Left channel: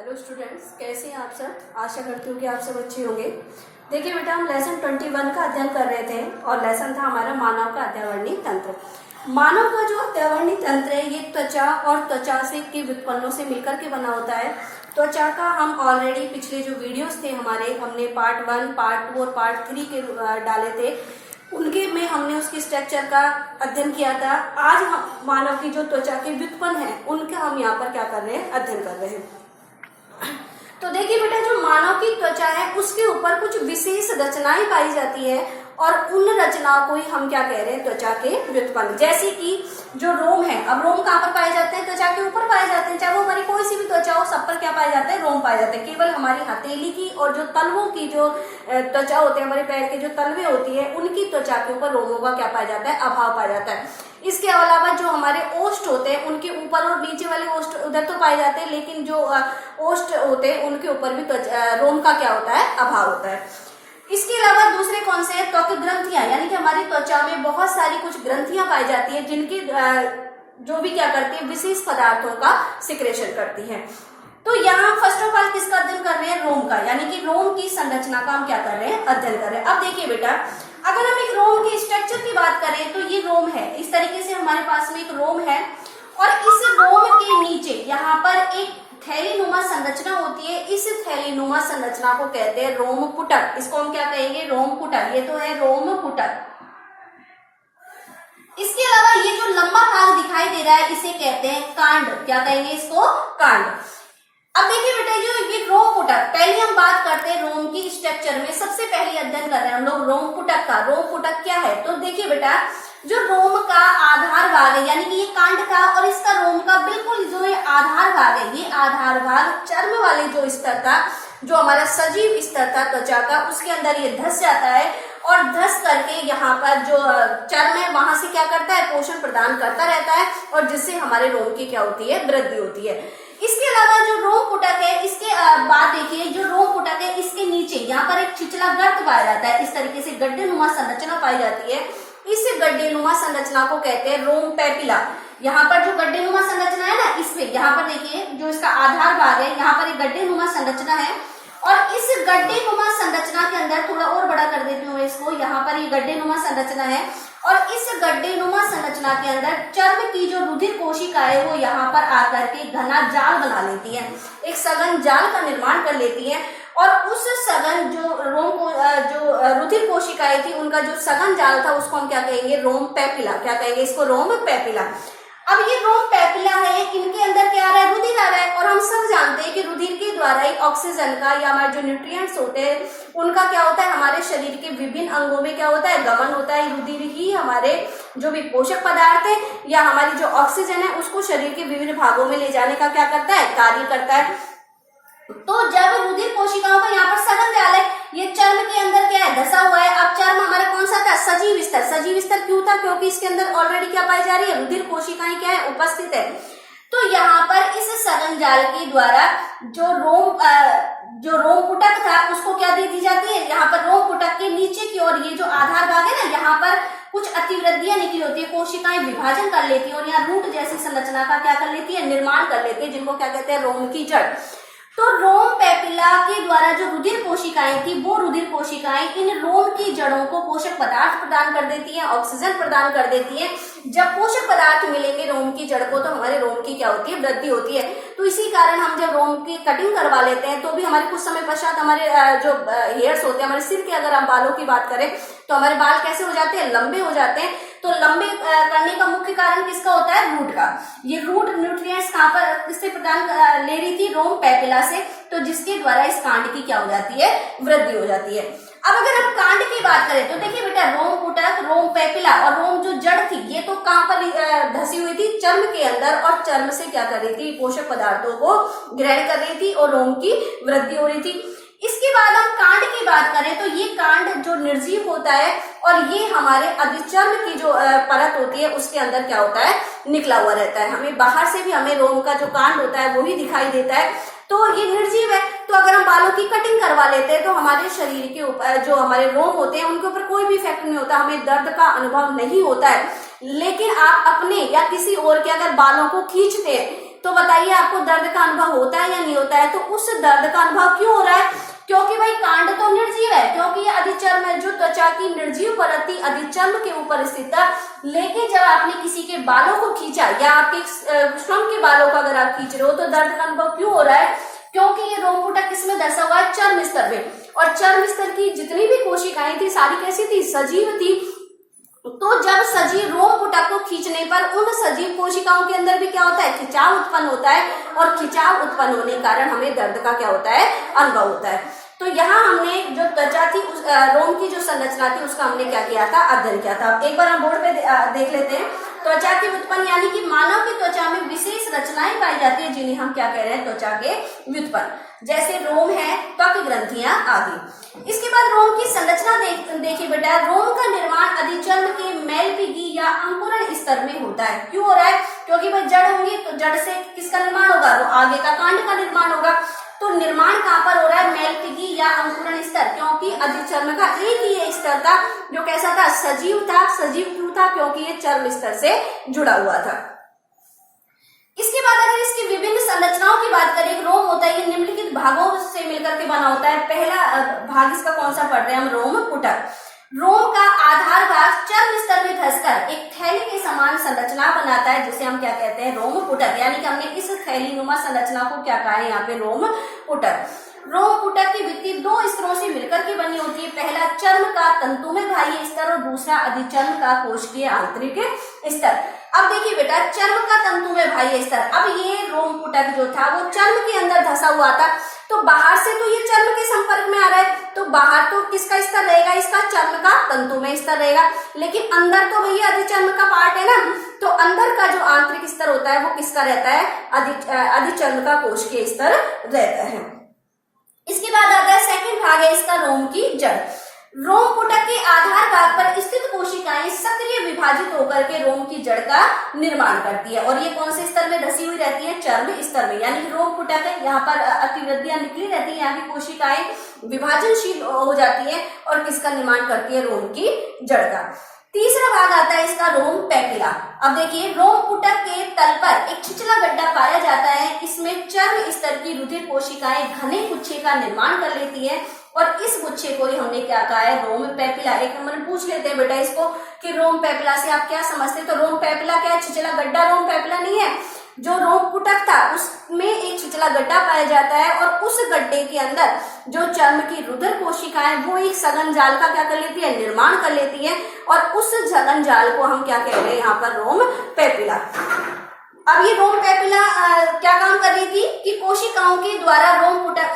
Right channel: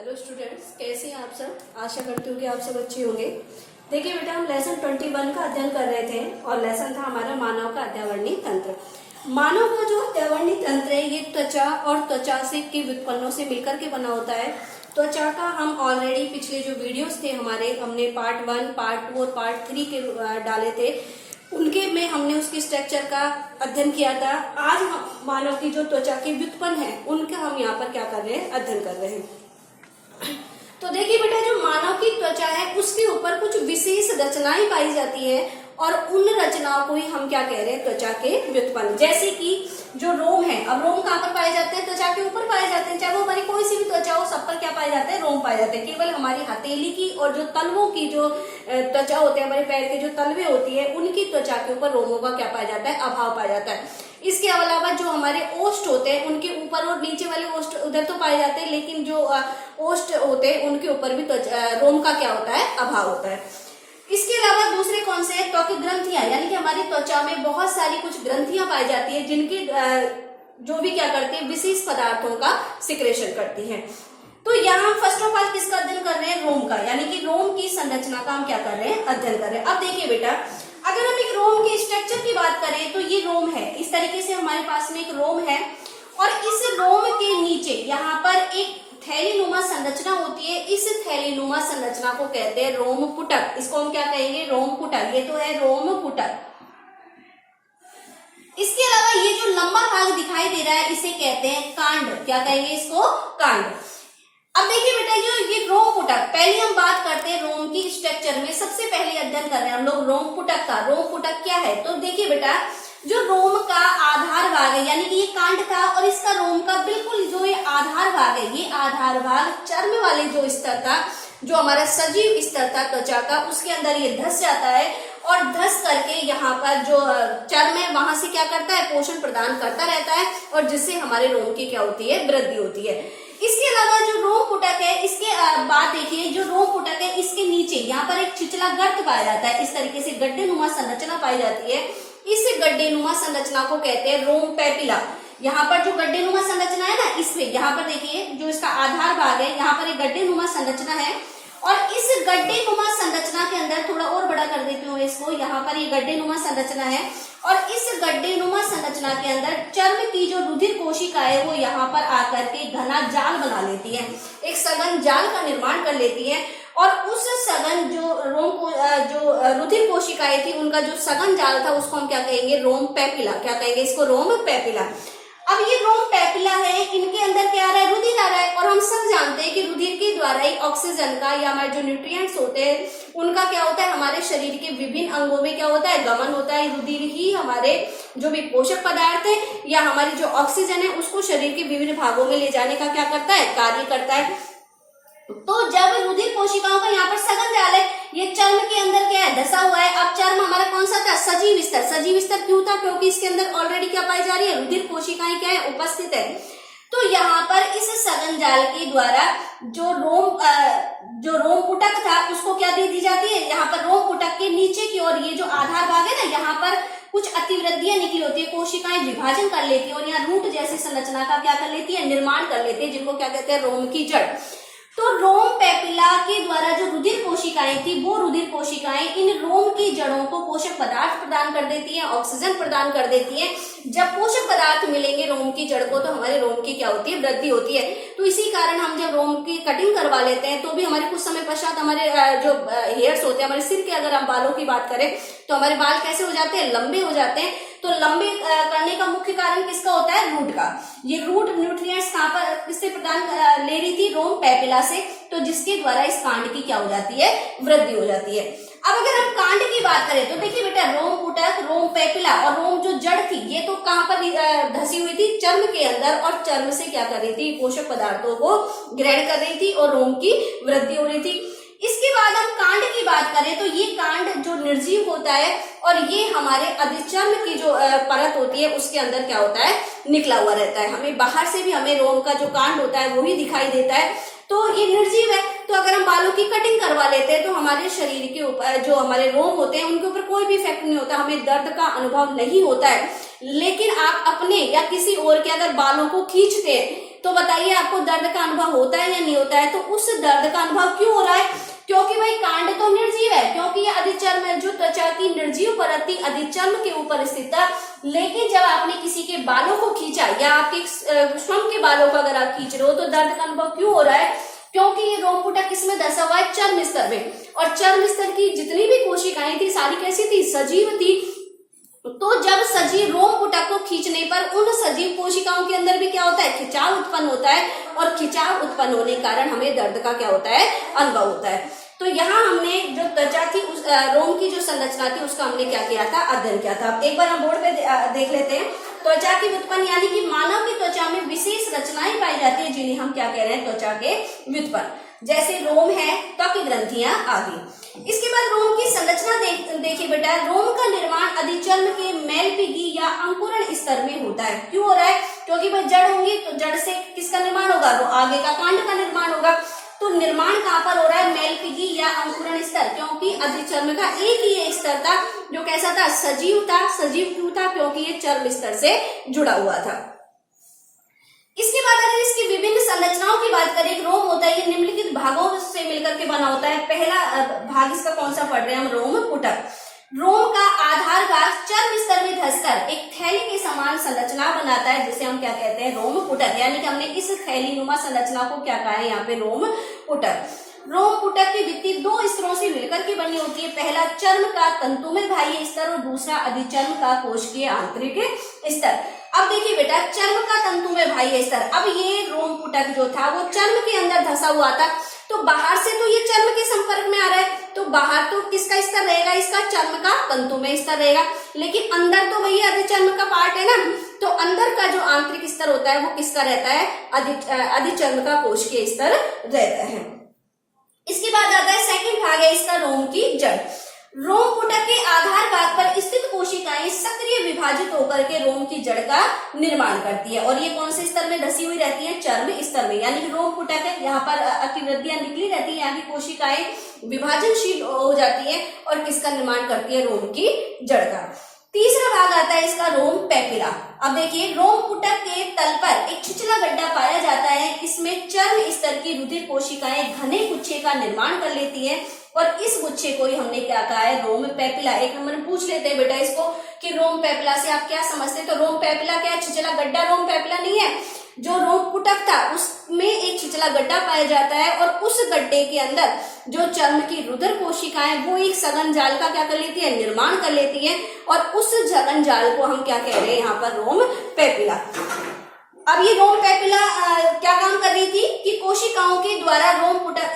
Hello students, कैसे हैं आप सब। आशा करती हूँ कि आप सब अच्छे होंगे। देखिए बेटा, हम लेसन 21 का अध्ययन कर रहे थे और लेसन था हमारा मानव का अत्यावरणीय तंत्र। मानव का जो अत्यावरणीय तंत्र है ये त्वचा और त्वचा से के व्युत्पन्नों से मिलकर के बना होता है। त्वचा का हम ऑलरेडी पिछले जो वीडियोस थे हमारे, हमने पार्ट 1, पार्ट 2 और पार्ट 3 के डाले थे, उनके में हमने उसके स्ट्रक्चर का अध्ययन किया था। आज हम मानव की जो त्वचा के व्युत्पन्न है उनका हम यहाँ पर क्या कर रहे हैं, अध्ययन कर रहे हैं। तो देखिए बेटा, जो मानव की त्वचा है उसके ऊपर कुछ विशेष रचनाएं पाई जाती है और उन रचनाओं को ही हम क्या कह रहे हैं, त्वचा के व्युत्पन्न। जैसे कि जो रोम है, अब रोम कहाँ पर पाए जाते हैं, त्वचा के ऊपर पाए जाते हैं। चाहे वो हमारी कोई सी भी त्वचा हो, सब पर क्या पाए जाते हैं, रोम पाए जाते हैं। केवल हमारी हथेली की और जो तलवों की जो त्वचा होते हैं, हमारे पैर के जो तलवे होती है, उनकी त्वचा के ऊपर रोमों का क्या पाया जाता है, अभाव पाया जाता है। इसके अलावा जो हमारे ओष्ठ होते हैं उनके ऊपर और नीचे वाले ओष्ठ उधर तो पाए जाते हैं, लेकिन जो ओष्ठ होते हैं उनके ऊपर भी रोम का क्या होता है, अभाव होता है। इसके अलावा दूसरे कौन से हैं, त्वक ग्रंथियां, यानी कि हमारी त्वचा में बहुत सारी कुछ ग्रंथियां पाई जाती है जिनकी जो भी क्या करती है, विशेष पदार्थों का सिक्रेशन करती है। तो यहाँ फर्स्ट ऑफ ऑल किसका अध्ययन कर रहे हैं, रोम का, यानी कि रोम की संरचना का हम क्या कर रहे हैं, अध्ययन कर रहे हैं। अब देखिए बेटा, अगर हम एक रोम के स्ट्रक्चर की बात करें तो ये रोम है, इस तरीके से हमारे पास में एक रोम है और इस रोम के नीचे यहाँ पर एक थैलीनुमा संरचना होती है। इस थैलीनुमा संरचना को कहते हैं रोम पुटक। इसको हम क्या कहेंगे, रोम पुटक। ये तो है रोम पुटक। इसके अलावा ये जो लंबा भाग दिखाई दे रहा है इसे कहते हैं कांड। क्या कहेंगे इसको, कांड। अब देखिए बेटा, जो ये रोम पुटक, पहले हम बात करते हैं रोम की स्ट्रक्चर में। सबसे पहले अध्ययन कर रहे हैं हम लोग रोम पुटक का। रोम पुटक क्या है, तो देखिए बेटा, जो रोम का आधार भाग है, यानी कि ये कांड का और इसका रोम का बिल्कुल जो ये आधार भाग है, ये आधार भाग चर्म वाले जो स्तर था, जो हमारा सजीव स्तर था त्वचा का, उसके अंदर ये धस जाता है और धस करके यहाँ पर जो चर्म है वहां से क्या करता है, पोषण प्रदान करता रहता है और जिससे हमारे रोम की क्या होती है, वृद्धि होती है। इसके अलावा जो रोम पुटक है, इसके बाद देखिए, जो रोम पुटक है इसके नीचे यहाँ पर एक छिछला गर्त पाया जाता है। इस तरीके से गड्ढेनुमा संरचना पाई जाती है। इस गड्ढेनुमा संरचना को कहते हैं रोम पैपिला। यहाँ पर जो गड्ढेनुमा संरचना है ना, इसमें यहाँ पर देखिए जो इसका आधार भाग है, यहाँ पर एक गड्ढेनुमा संरचना है और इस गड्ढेनुमा संरचना के अंदर, थोड़ा और बड़ा कर देती हूँ इसको, यहाँ पर ये गड्ढेनुमा संरचना है और इस गड्ढेनुमा संरचना के अंदर चर्म की जो रुधिर कोशिका है वो यहाँ पर आकर के घना जाल बना लेती है, एक सघन जाल का निर्माण कर लेती है और उस सघन जो रोम को जो रुधिर कोशिकाएं थी उनका जो सघन जाल था उसको हम क्या कहेंगे, रोम पैपिला। क्या कहेंगे इसको, रोम पैपिला। अब ये रोम पैपिला है, इनके अंदर क्या आ रहा है, रुधिर आ रहा है और हम सब जानते हैं कि रुधिर के द्वारा ही ऑक्सीजन का या हमारे जो न्यूट्रिएंट्स होते हैं उनका क्या होता है, हमारे शरीर के विभिन्न अंगों में क्या होता है, गमन होता है। रुधिर ही हमारे जो भी पोषक पदार्थ है या हमारी जो ऑक्सीजन है उसको शरीर के विभिन्न भागों में ले जाने का क्या करता है, कार्य करता है। तो जब रुधिर कोशिकाओं का यहाँ पर सघन जाल है, ये चर्म के अंदर क्या है, धसा हुआ है। अब चर्म हमारा कौन सा था, सजीव स्तर। सजीव स्तर क्यों था, क्योंकि इसके अंदर ऑलरेडी क्या पाई जा रही है, रुधिर कोशिकाएं क्या है, उपस्थित है। तो यहाँ पर इस सघन जाल के द्वारा जो रोम पुटक था उसको क्या दे दी जाती है, यहाँ पर रोम पुटक के नीचे की ओर ये जो आधार भाग है ना, यहाँ पर कुछ अतिवृद्धियां निकली होती है, कोशिकाएं विभाजन कर लेती है और यहाँ रूट जैसी संरचना का क्या कर लेती है, निर्माण कर लेती है, जिनको क्या कहते हैं, रोम की जड़। तो रोम पैपिला के द्वारा जो रुधिर कोशिकाएं थी वो रुधिर कोशिकाएं इन रोम की जड़ों को पोषक पदार्थ प्रदान कर देती है, ऑक्सीजन प्रदान कर देती है। जब पोषक पदार्थ मिलेंगे रोम की जड़ को तो हमारे रोम की क्या होती है, वृद्धि होती है। तो इसी कारण हम जब रोम की कटिंग करवा लेते हैं तो भी हमारे कुछ समय पश्चात हमारे जो हेयर्स होते हैं, हमारे सिर के अगर हम बालों की बात करें तो हमारे बाल कैसे हो जाते हैं, लंबे हो जाते हैं। तो लंबे करने का मुख्य कारण किसका होता है, रूट का। ये रूट न्यूट्रिएंट्स कहाँ पर किससे प्रदान ले रही थी, रोम पैपिला से, तो जिसके द्वारा इस कांड की क्या हो जाती है, वृद्धि हो जाती है। अब अगर हम कांड की बात करें तो देखिए बेटा, रोम पुटक, रोम पैपिला और रोम जो जड़ थी ये तो कहाँ पर धसी हुई थी, चर्म के अंदर, और चर्म से क्या कर रही थी, पोषक पदार्थों को ग्रहण कर रही थी और रोम की वृद्धि हो रही थी। इसके बाद हम कांड की बात करें तो ये कांड जो निर्जीव होता है और ये हमारे अधिचर्म की जो परत होती है उसके अंदर क्या होता है, निकला हुआ रहता है। हमें बाहर से भी हमें रोम का जो कांड होता है वो ही दिखाई देता है, तो ये निर्जीव है। तो अगर हम बालों की कटिंग करवा लेते हैं तो हमारे शरीर के ऊपर जो हमारे रोम होते हैं उनके ऊपर कोई भी इफेक्ट नहीं होता, हमें दर्द का अनुभव नहीं होता है। लेकिन आप अपने या किसी और के अगर बालों को खींचते हैं तो बताइए आपको दर्द का अनुभव होता है या नहीं होता है? तो उस दर्द का अनुभव क्यों हो रहा है? क्योंकि भाई कांड तो निर्जीव है, क्योंकि ये अधिचर्म है, जो त्वचा की निर्जीव परत अधिचर्म के ऊपर स्थित है। लेकिन जब आपने किसी के बालों को खींचा या आपके श्रम के बालों को अगर आप खींच रहे हो तो दर्द का अनुभव क्यों हो रहा है? क्योंकि ये रोम पुटक किसमें धसा हुआ है? चर्म स्तर में। और चर्म स्तर की जितनी भी कोशिकाएं थी सारी कैसी थी? सजीव थी। तो जब सजीव रोम पुटक को खींचने पर उन सजीव कोशिकाओं के अंदर भी क्या होता है? खिंचाव उत्पन्न होता है, और खिंचाव उत्पन्न होने के कारण हमें दर्द का क्या होता है? अनुभव होता है। तो यहाँ हमने जो त्वचा थी उस रोम की जो संरचना थी उसका हमने क्या किया था? अध्ययन किया था। एक बार हम बोर्ड पे देख लेते हैं। त्वचा की व्युत्पन्न यानी कि मानव की त्वचा में विशेष रचनाएं पाई जाती है जिन्हें हम क्या कह रहे हैं? त्वचा के व्युत्पन्न, जैसे रोम है, त्वक ग्रंथियां आदि। इसके बाद रोम की संरचना देखिए बेटा, रोम का निर्माण अधिचर्म के मेलपिगी या अंकुरण स्तर में होता है। क्यों हो रहा है? क्योंकि भाई जड़ होंगी तो जड़ से किसका निर्माण होगा? तो आगे का कांड का निर्माण होगा। तो निर्माण कहां पर हो रहा है? मेलपिगी या अंकुरण स्तर, क्योंकि अधिचर्म का एक ही ये स्तर था जो कैसा था? सजीव था। सजीव क्यों था? क्योंकि ये चर्म स्तर से जुड़ा हुआ था। इसके बाद अगर इसकी विभिन्न संरचनाओं की बात करें, रोम होता है ये निम्नलिखित भागों से मिलकर के बना होता है। पहला भाग इसका कौन सा पढ़ रहे हैं हम? रोम पुटक। रोम का आधार भाग चर्म स्तर में धंसकर एक थैली के समान संरचना बनाता है जिसे हम क्या कहते हैं? रोम पुटक। यानी कि हमने इस थैली नुमा संरचना को क्या कहा है यहाँ पे? रोम पुटक। रोम पुटक की भित्ति दो स्तरों से मिलकर के बनी होती है। पहला चर्म का तंतुमय बाह्य स्तर और दूसरा अधिचर्म का कोशिकीय आंतरिक स्तर। अब देखिए बेटा, चर्म का तंतुमय बाह्य स्तर, अब ये रोम पुटक जो था वो चर्म के अंदर धंसा हुआ था। तो बाहर से तो ये चर्म के संपर्क में आ रहा है, तो बाहर तो किसका स्तर रहेगा? इसका चर्म का तंतुमय स्तर रहेगा। लेकिन अंदर तो भैया अधिचर्म का पार्ट है ना, तो अंदर का जो आंतरिक स्तर होता है वो किसका रहता है? अधिचर्म का कोशिकीय स्तर रहता है। इसके बाद आता है सेकंड भाग है इसका, रोम की जड़। रोम पुटक के आधार भाग पर स्थित कोशिकाएं सक्रिय विभाजित होकर के रोम की जड़ का निर्माण करती है, और ये कौन से स्तर में धसी हुई रहती है? चर्म स्तर में। यानी कि रोम पुटक है, यहाँ पर अतिवृद्धियां निकली रहती है, यहाँ की कोशिकाएं विभाजनशील हो जाती है और किसका निर्माण करती है? रोम की जड़ का। तीसरा भाग आता है इसका, रोम पैपिला। अब देखिए, रोम पुटक के तल पर एक छिछला गड्ढा पाया जाता है। इसमें चर्म स्तर की रुधिर कोशिकाएं घने गुच्छे का निर्माण कर लेती है, और इस गुच्छे को ही हमने क्या कहा है? रोम पैपिला। एक नंबर पूछ लेते हैं बेटा इसको कि रोम पैपिला से आप क्या समझते? तो रोम पैपिला क्या? छिछला गड्ढा रोम पैपिला नहीं है। जो रोम पुटक था उसमें एक छिछला गड्ढा पाया जाता है, और उस गड्ढे के अंदर जो चर्म की रुधिर कोशिकाएं वो एक सघन जाल का क्या कर लेती है? निर्माण कर लेती है, और उस सघन जाल को हम क्या कह रहे हैं यहाँ पर? रोम पैपिला। अब ये रोम पैपिला क्या काम कर रही थी कि कोशिकाओं के द्वारा रोम पुटक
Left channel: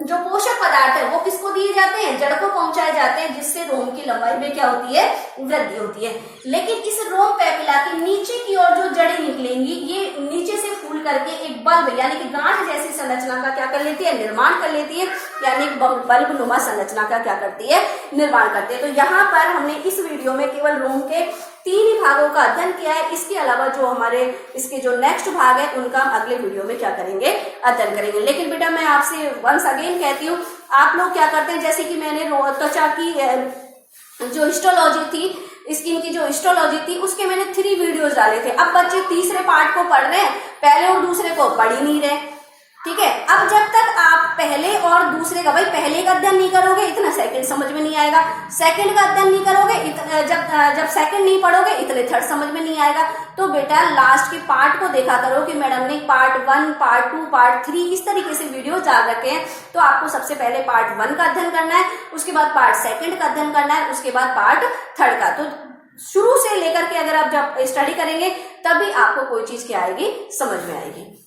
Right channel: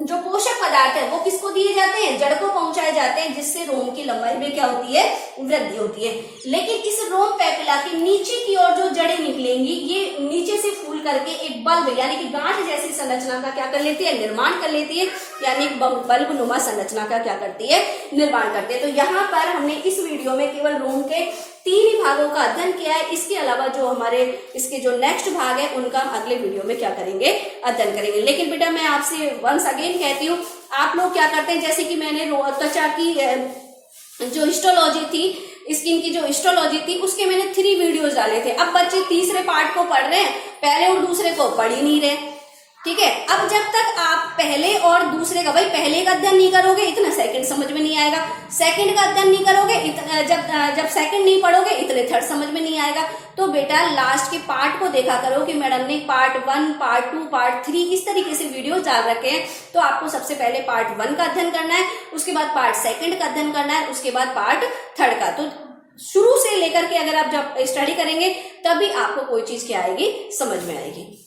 जो पोषक पदार्थ है वो किसको दिए जाते हैं? जड़ को पहुंचाए जाते हैं, जिससे रोम की लंबाई में क्या होती है? वृद्धि होती है। लेकिन इस रोम पैपिला के नीचे की ओर जो जड़ें निकलेंगी, ये नीचे से फूल करके एक बल्ब यानी कि गांठ जैसी संरचना का क्या कर लेती है? निर्माण कर लेती है, यानी बल्ब नुमा संरचना का क्या करती है? निर्माण करती है। तो यहाँ पर हमने इस वीडियो में केवल रोम के 3 ही भागों का अध्ययन किया है। इसके अलावा जो हमारे इसके जो नेक्स्ट भाग है उनका हम अगले वीडियो में क्या करेंगे? अध्ययन करेंगे। लेकिन बेटा मैं आपसे वंस अगेन कहती हूँ, आप लोग क्या करते हैं, जैसे कि मैंने त्वचा की जो हिस्टोलॉजी थी, स्किन की जो हिस्टोलॉजी थी, उसके मैंने 3 वीडियोस डाले थे। अब बच्चे तीसरे पार्ट को पढ़ रहे हैं, पहले और दूसरे को पढ़ ही नहीं रहे। ठीक है, अब जब तक आप पहले और दूसरे का, भाई पहले का अध्ययन नहीं करोगे इतना सेकंड समझ में नहीं आएगा, सेकंड का अध्ययन नहीं करोगे जब सेकंड नहीं पढ़ोगे इतने थर्ड समझ में नहीं आएगा। तो बेटा लास्ट के पार्ट को देखा करो कि मैडम ने पार्ट 1, पार्ट 2, पार्ट 3 इस तरीके से वीडियो डाल रखे हैं। तो आपको सबसे पहले पार्ट 1 का अध्ययन करना है, उसके बाद पार्ट 2 का अध्ययन करना है, उसके बाद पार्ट 3 का। तो शुरू से लेकर के अगर आप जब स्टडी करेंगे तभी आपको कोई चीज क्या आएगी? समझ में आएगी।